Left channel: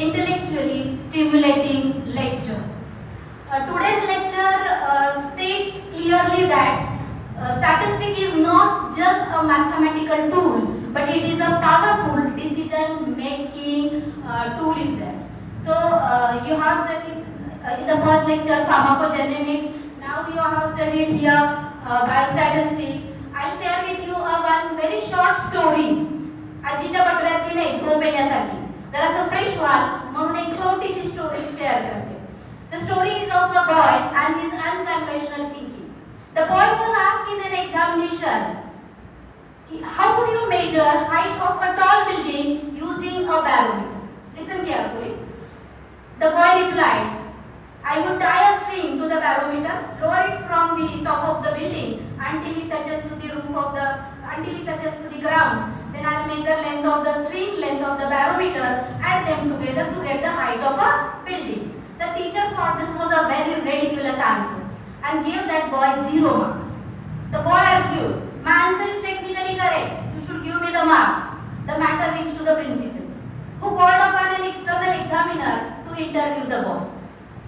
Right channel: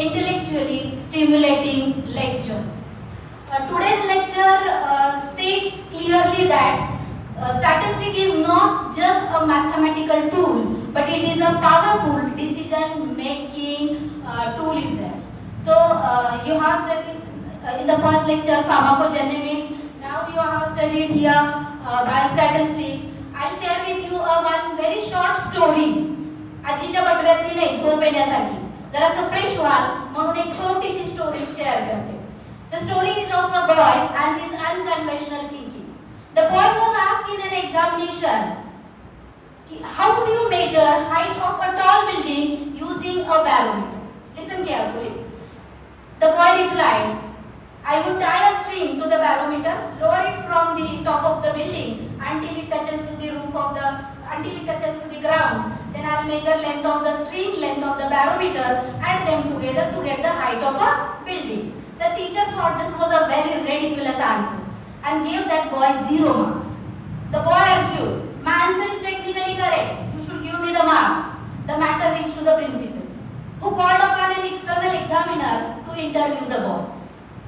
intellectually stimulating lecture. Today's lecture states clearly that statistic is not just a mathematical tool, but it is a powerful decision-making tool is there. So you have studied in the first lecture pharmacogenomics. Now you have studied here biostatistics. I'll share with you one very short story. आजीच्या पटव्यातली नाही झोप येण्यासाठी जरासं fresh व्हा म्हणून एक छोटीशी story share करते. The story is of a boy and his unconventional thinking. The boy was asked in an examination, how would you measure height of a tall building using a barometer? Listen carefully. The boy replied, I would tie a string to the barometer, lower it from the top of the building until it touches to the ground. Then I will measure length of the string, length of the barometer, add them together to get the height of a building. The teacher thought this was a very ridiculous answer and gave that boy 0 marks. The boy argued, my answer is technically correct. You should give me the mark. The matter reached to the principal, who called upon an external examiner to interview the boy.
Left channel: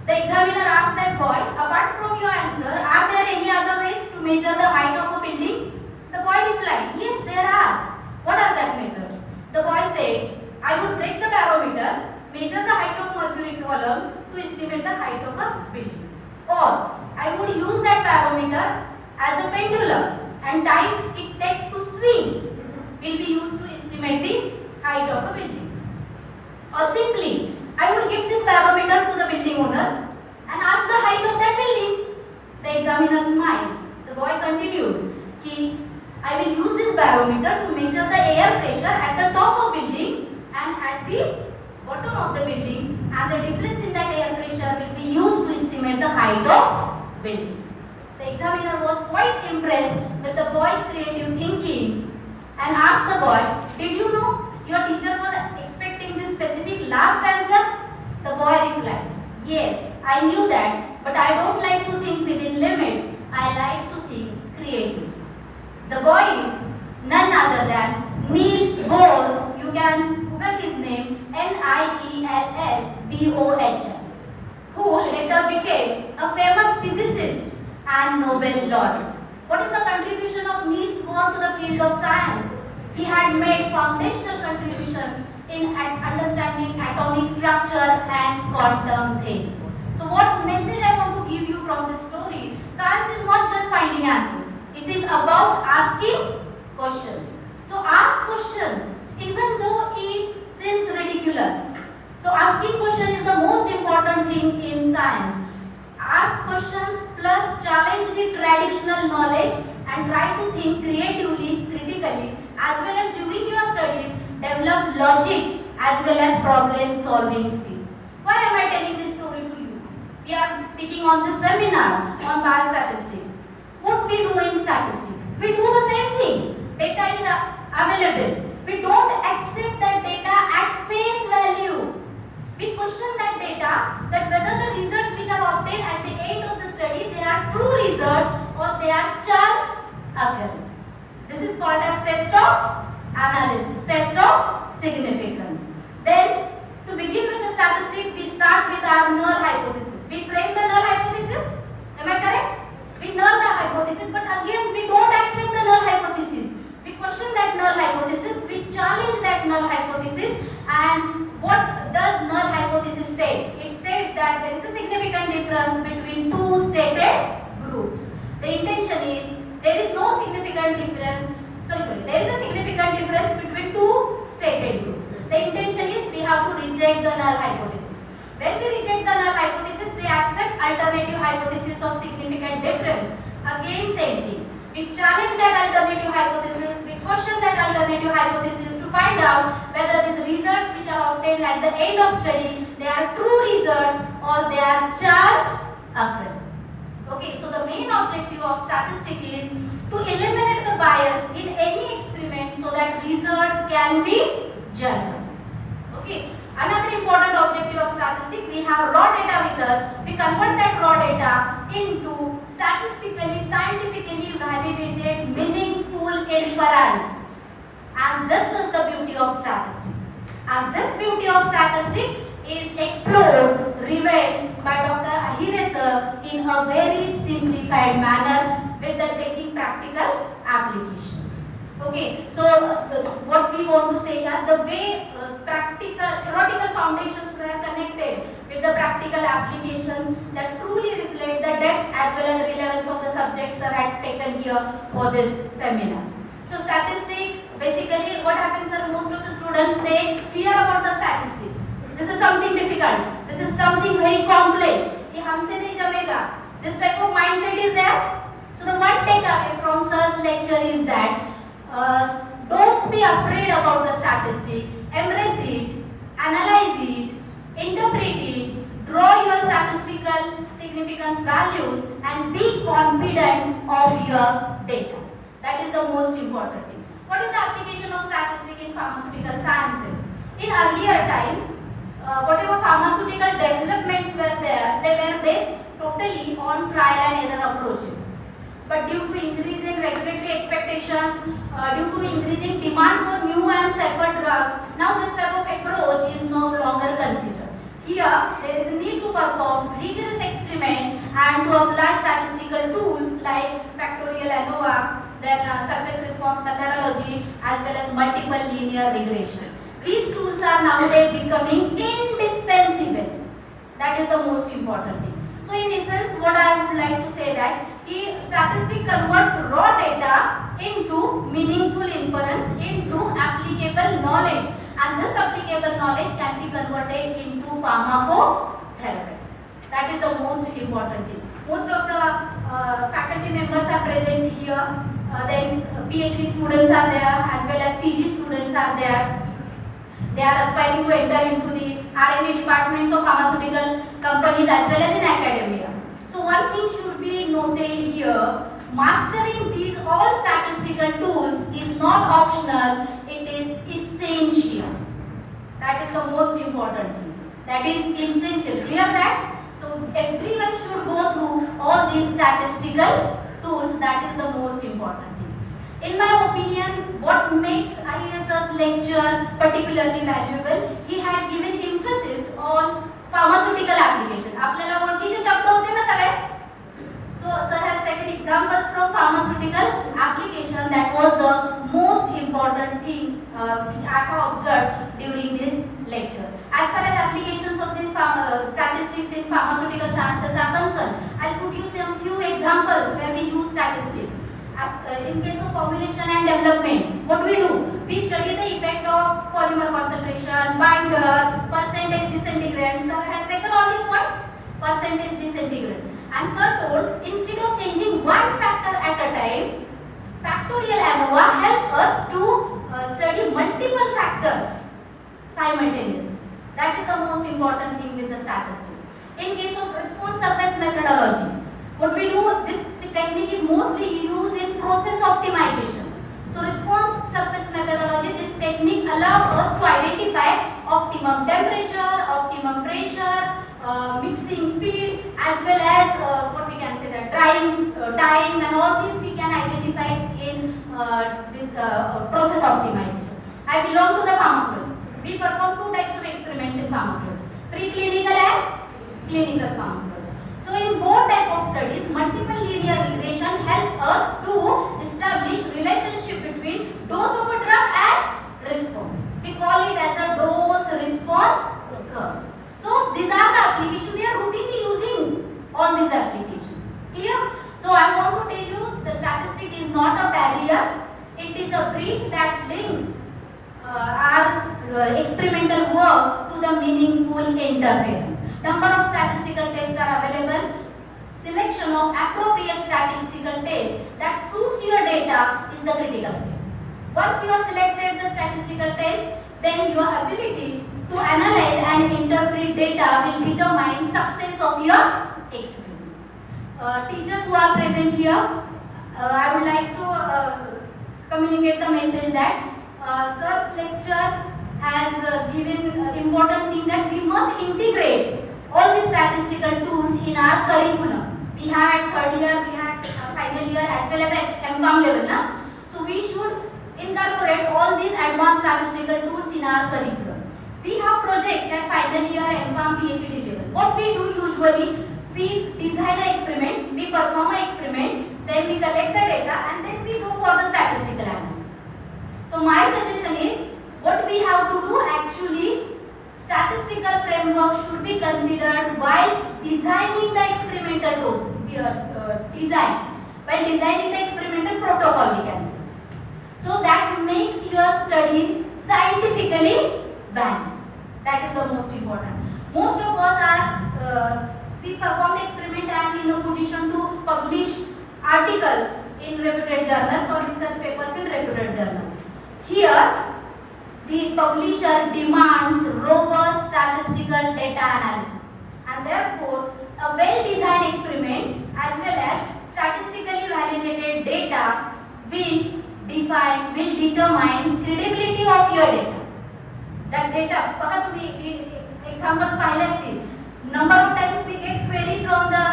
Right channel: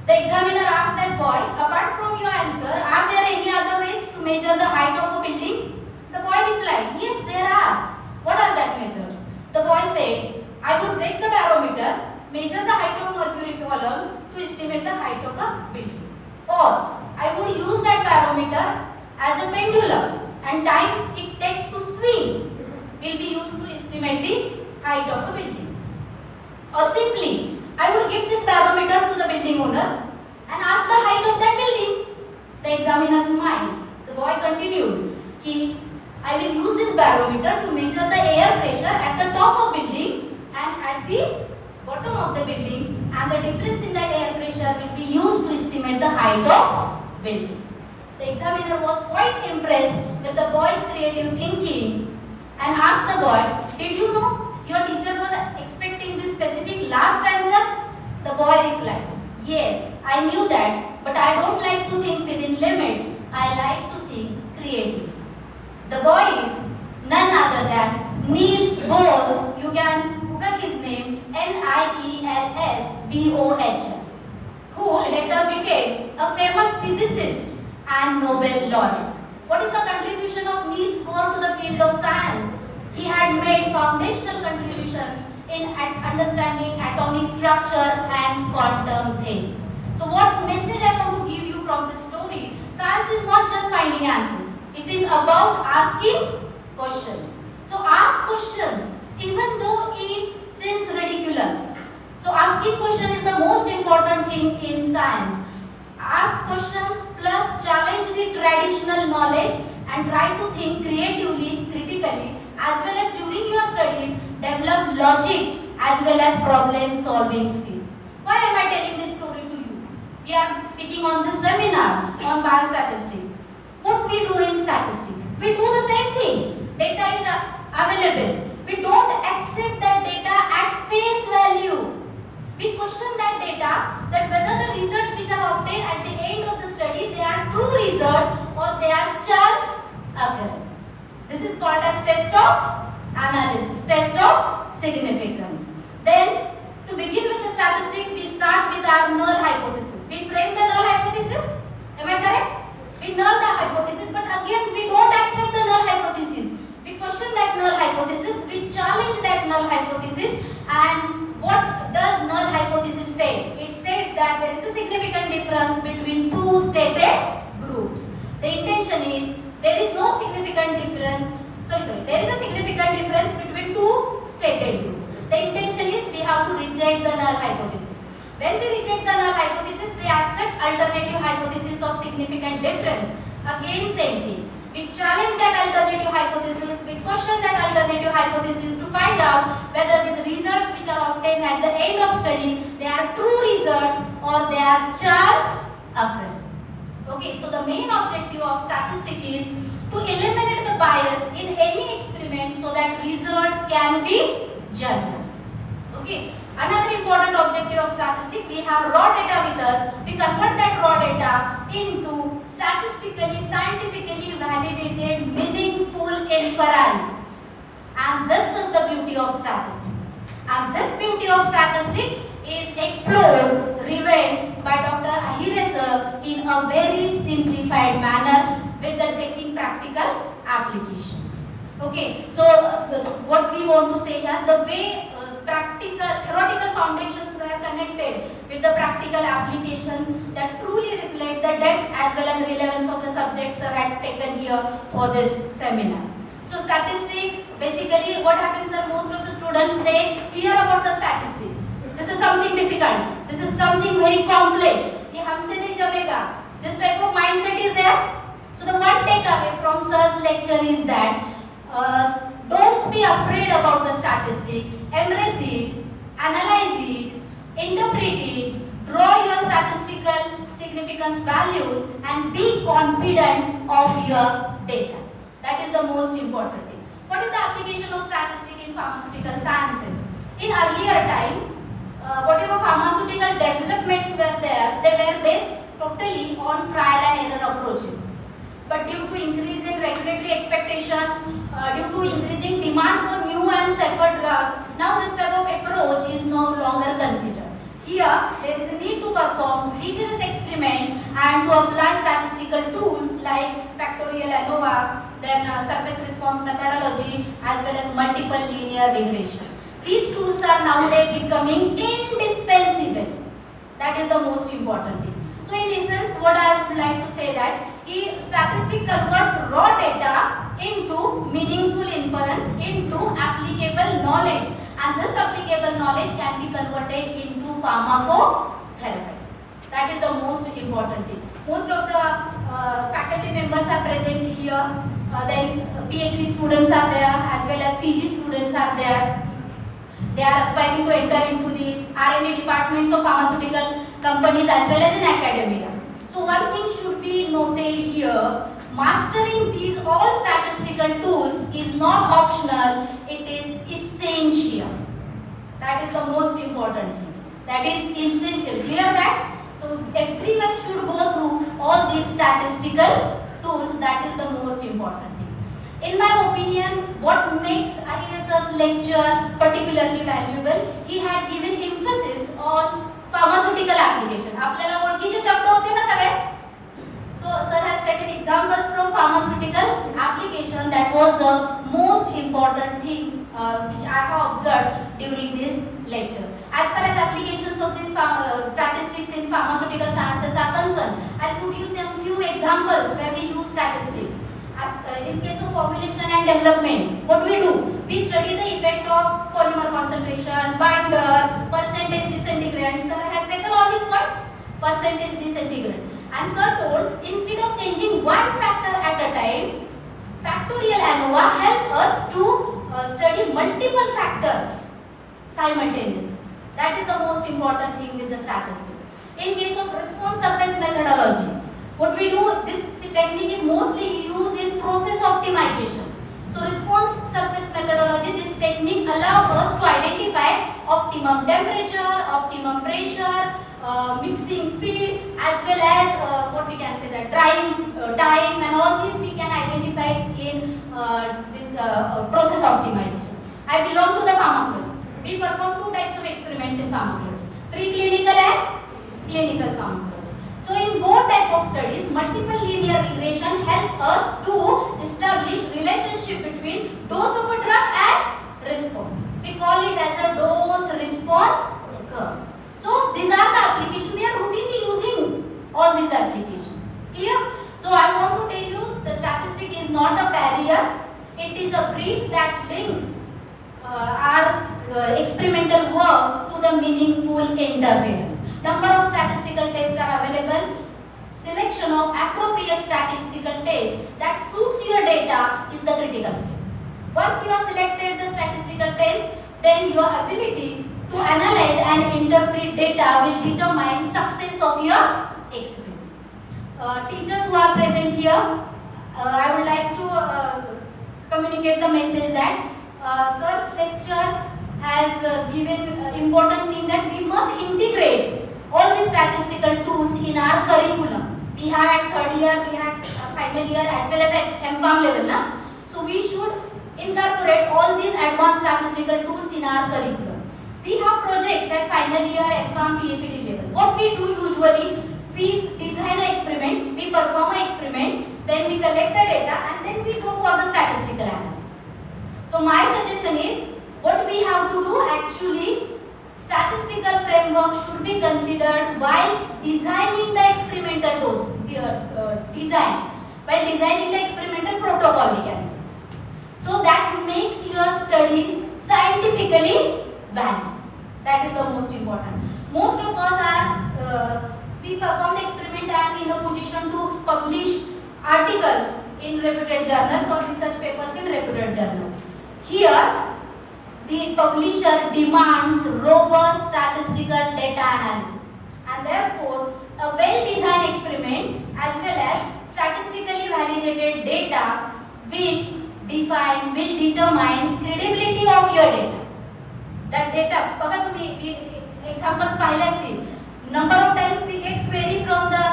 The examiner asked that boy, apart from your answer, are there any other ways to measure the height of a building? The boy replied, yes, there are. What are that methods? The boy said, I would break the barometer, measure the height of mercury column to estimate the height of a building. Or I would use that barometer as a pendulum and time it takes to swing will be used to estimate the height of a building. Or simply, I would give this barometer to the building owner and ask the height of that building. The examiner smiled. The boy continued, I will use this barometer to measure the air pressure at the top of building and at the bottom of the building, and the difference in that air pressure will be used to estimate the height of building. The examiner was quite impressed with the boy's creative thinking and asked the boy, did you know your teacher was expecting this specific last answer? The boy replied, yes, I knew that, but I don't like to think within limits. I like to think creatively. The boy is none other than Niels Bohr. You can Google his name, Niels Bohr, who later became a famous physicist and Nobel laureate. What is the contribution of Niels Bohr to the field of science? He had made foundational contributions in understanding atomic structure and quantum theory. So what message I want to give you from this story? Science is not just finding answers. It is about asking questions. So ask questions even though it seems ridiculous. So asking questions is the most important thing in science. Ask questions plus challenge the traditional knowledge and try to think creatively, critically, as well as during your studies, develop logic as well as problem solving skill. Why am I telling this story to you? We are speaking on this seminar on biostatistics. What we do in statistics? We do the same thing. Data is available. We don't accept that data at face value. We question that data, that whether the results which are obtained at the end of the study, they are true results or they are chance occurrence. This is called as test of analysis, test of significance. Then, to begin with the statistic, we start with our null hypothesis. We frame the null hypothesis. Am I correct? We null the hypothesis, but again we don't accept the null hypothesis. We question that null hypothesis, we challenge that null hypothesis, and what does null hypothesis state? It states that there is a significant difference between two stated groups. The intention is there is no significant difference, there is a significant difference between two stated groups. The intention is we have to reject the null hypothesis. When we reject the null hypothesis, we accept alternative hypothesis of significant difference. Again, same thing. We challenge that alternative hypothesis, we question that alternative hypothesis to find out whether these results which are obtained at the end of study, they are true results or they are chance occurrence. Okay, so the main objective of statistics is to eliminate the bias in any experiment so that results can be general. Okay. Another important objective of statistics, we have raw data with us. We convert that raw data into statistically, scientifically validated, meaningful inference. And this is the beauty of statistics. And this beauty of statistics is explored, revealed by Dr. Ahire sir in a very simplified manner with the taking practical applications. Okay, so what we want to say here, the way theoretical foundations were connected with the practical application that truly reflect the depth as well as relevance of the subjects sir had taken here for this seminar. So statistics, basically what happens sir, most of the students, they fear about the statistics. This is something difficult. This is something very complex. ये हमसे नहीं जमेगा. This type of mindset is there. So the one takeaway from sir's lecture is that don't be afraid about the statistic. Embrace it, analyze it, interpret it, draw your statistical significance values, and be confident of your data. That is the most important thing. What is the application of statistics in pharmaceutical sciences? In earlier times, whatever pharmaceutical developments were there, they were based totally on trial and error approaches. But due to increase in regulatory expectations, due to increasing demand for new and safer drugs, now this type of approach is no longer considered. Here, there is a need to perform rigorous experiments and to apply statistical tools like factorial ANOVA, then surface response methodology, as well as multiple linear regression. These tools are nowadays becoming indispensable. That is the most important thing. So in essence, what I would like to say that statistics converts raw data into meaningful inference, into applicable knowledge, and this applicable knowledge can be converted into pharmacotherapeutics. That is the most important thing. Most of the faculty members are present here. Then PhD students are there, as well as PG students are there. They are aspiring to enter into the R&D departments of pharmaceutical companies as well as in academia. So one thing should be noted here, mastering these all statistical tools is not optional, it is essential. That is the most important thing. That is essential. Clear that? So everyone should go through all these statistical tools. That is the most important thing. In my opinion, what makes Ahire lecture particularly valuable, he had given emphasis on pharmaceutical application. आपल्याला ओळखीचे शब्द होते ना सगळे? So sir has taken examples from pharmaceutical application. That was the most important thing which I have observed during this lecture. As far as applications of this statistics in pharmaceutical sciences are concerned, I'll put you some few examples where we use statistics. In case of formulation and development, what we do? We study the effect of polymer concentration, binder, percentage disintegrant. Sir has taken all these points. Percentage disintegrant. And sir told, instead of changing one factor at a time, factorial ANOVA help us to study multiple factors simultaneously. That is the most important thing with the statistics. In case of response surface methodology, what we do, this technique is mostly used in process optimization. So response surface methodology, this technique allows us to identify optimum temperature, optimum pressure, mixing speed, as well as what we can say that drying time, and all these we can identify in this process optimization. I belong to the pharmacology. We perform two types of experiments in pharmacology, preclinical and clinical pharmacology. So in both type of studies, multiple linear regression help us to establish relationship between dose of a drug and response. We call it as a dose-response curve. So these are the applications. We are routinely using all these applications. Clear? So I want to tell you, the statistic is not a barrier. It is a bridge that links our experimental work to the meaningful interference. Number of statistical tests are available. Selection of appropriate statistical test that suits your data is the critical step. Once you have selected the statistical test, then your ability to analyze and interpret data will determine success of your experiment. Teachers who are present here, I would like to communicate the message that sir's lecture has given important thing that we must integrate all the statistical tools in our curriculum. We had third year, we had final year, as well as at MPharm level. Na? So we should incorporate all these advanced statistical tools in our curriculum. We have projects at final year, PhD level. What we do usually, we design an experiment, we perform an experiment, then we collect the data, and then we go for the statistical analysis. So my suggestion is, what we have to do actually, statistical framework should be considered while designing the experimental design, while designing the experimental protocol, we can say. So that makes your study scientifically valid. That is the most important. Most of us are, we perform the experiment and in a position to publish articles in reputed journals or research papers in reputed journals. Here, the publisher demands robust statistical data analysis, and therefore a well-designed experiment as well as statistically validated data will determine credibility of your data. That data, बघा तुम्ही examples पाहिले असतील. Number of times we get query from the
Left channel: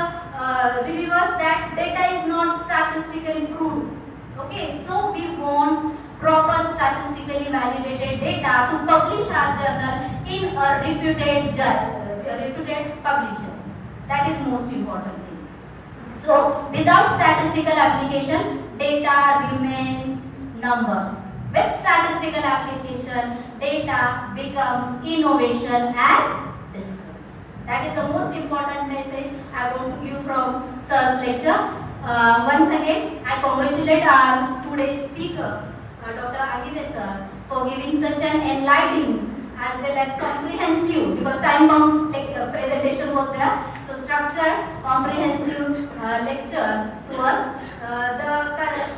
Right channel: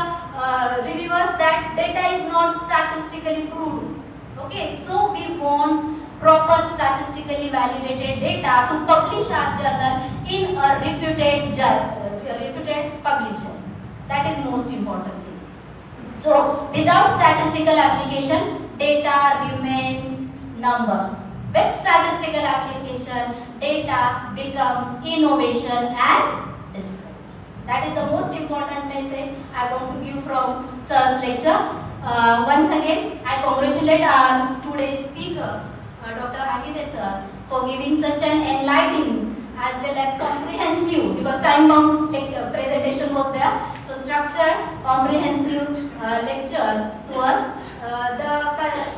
reviewers that data is not statistically proved. Okay, so we want proper statistically validated data to publish our journal in a reputed publishers. That is most important thing. So without statistical application, data remains numbers. With statistical application, data becomes innovation and discovery. That is the most important message I want to give from Sir's lecture. Once again, I congratulate our today's speaker, Dr. Ahire sir, for giving such an enlightening as well as comprehensive, because time-bound presentation was there, so structured, comprehensive lecture to us.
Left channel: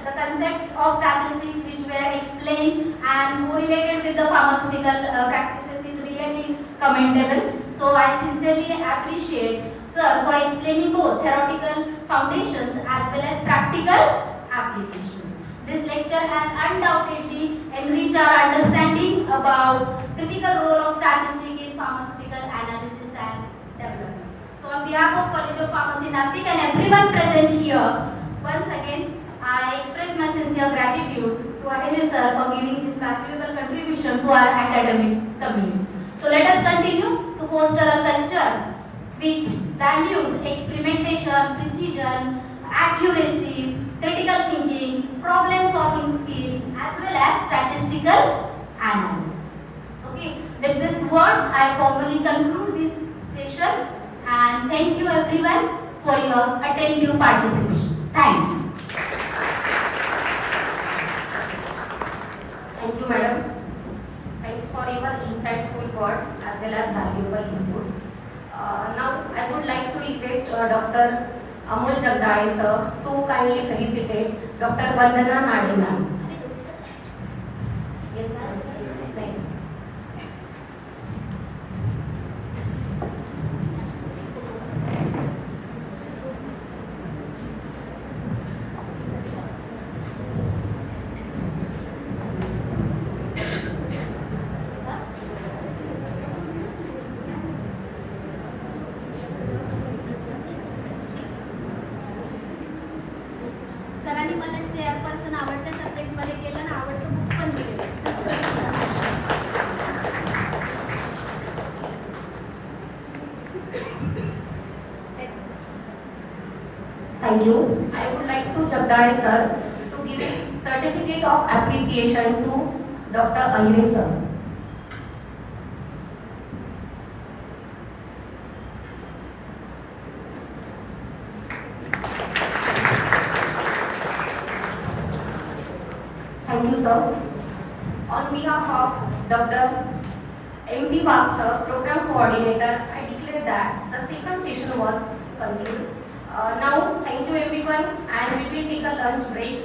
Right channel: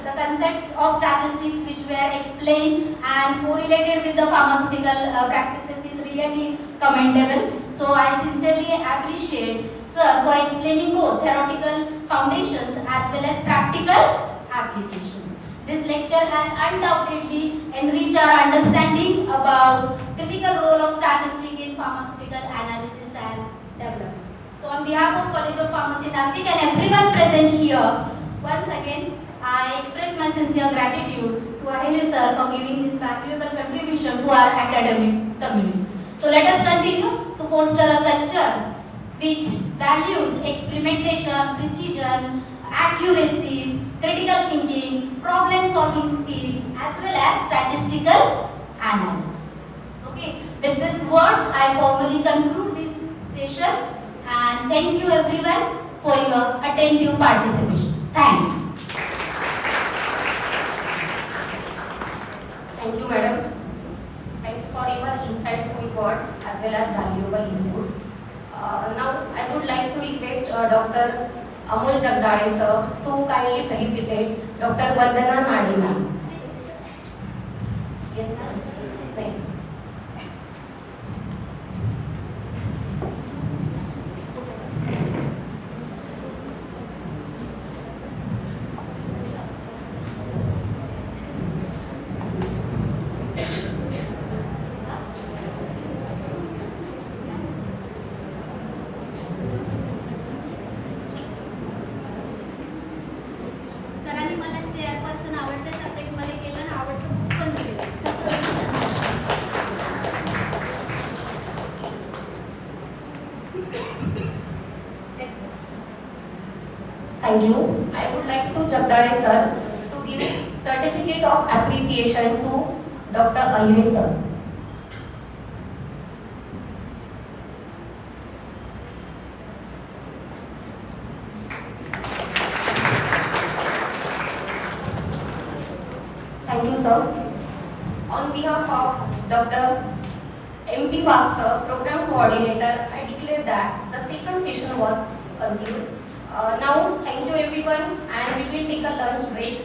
The concepts of statistics which were explained and correlated with the pharmaceutical practices is really commendable. So I sincerely appreciate sir for explaining both theoretical foundations as well as practical application. This lecture has undoubtedly enriched our understanding about critical role of statistics in pharmaceutical analysis and development. So on behalf of College of Pharmacy Nasik and everyone present here, once again I express my sincere gratitude to Ahire sir for giving this valuable contribution to our academic community. So let us continue to foster a culture which values experimentation, precision, accuracy, critical thinking, problem solving skills as well as statistical analysis. Okay, with these words I formally conclude this session and thank you everyone for your attentive participation. Thanks. Thank you, madam. Thank you for your insightful words as well as valuable inputs. Now, I would like to request Dr. Amol Jagdale sir to kindly felicitate Dr. Vandana Nade ma'am. Yes, ma'am. Thank you. सरांनी मला chairperson आवडत्या subject मध्ये केलं आणि आवडतं book पण दिलेलं. Thank you. I would like to Jagdale sir to give certificate of appreciation to Dr. Ahire sir. Thank you, sir. On behalf of Dr. M.P. Wag sir, Program Coordinator, I declare that the second session was concluded. Now, thank you everyone, and we will take a lunch break.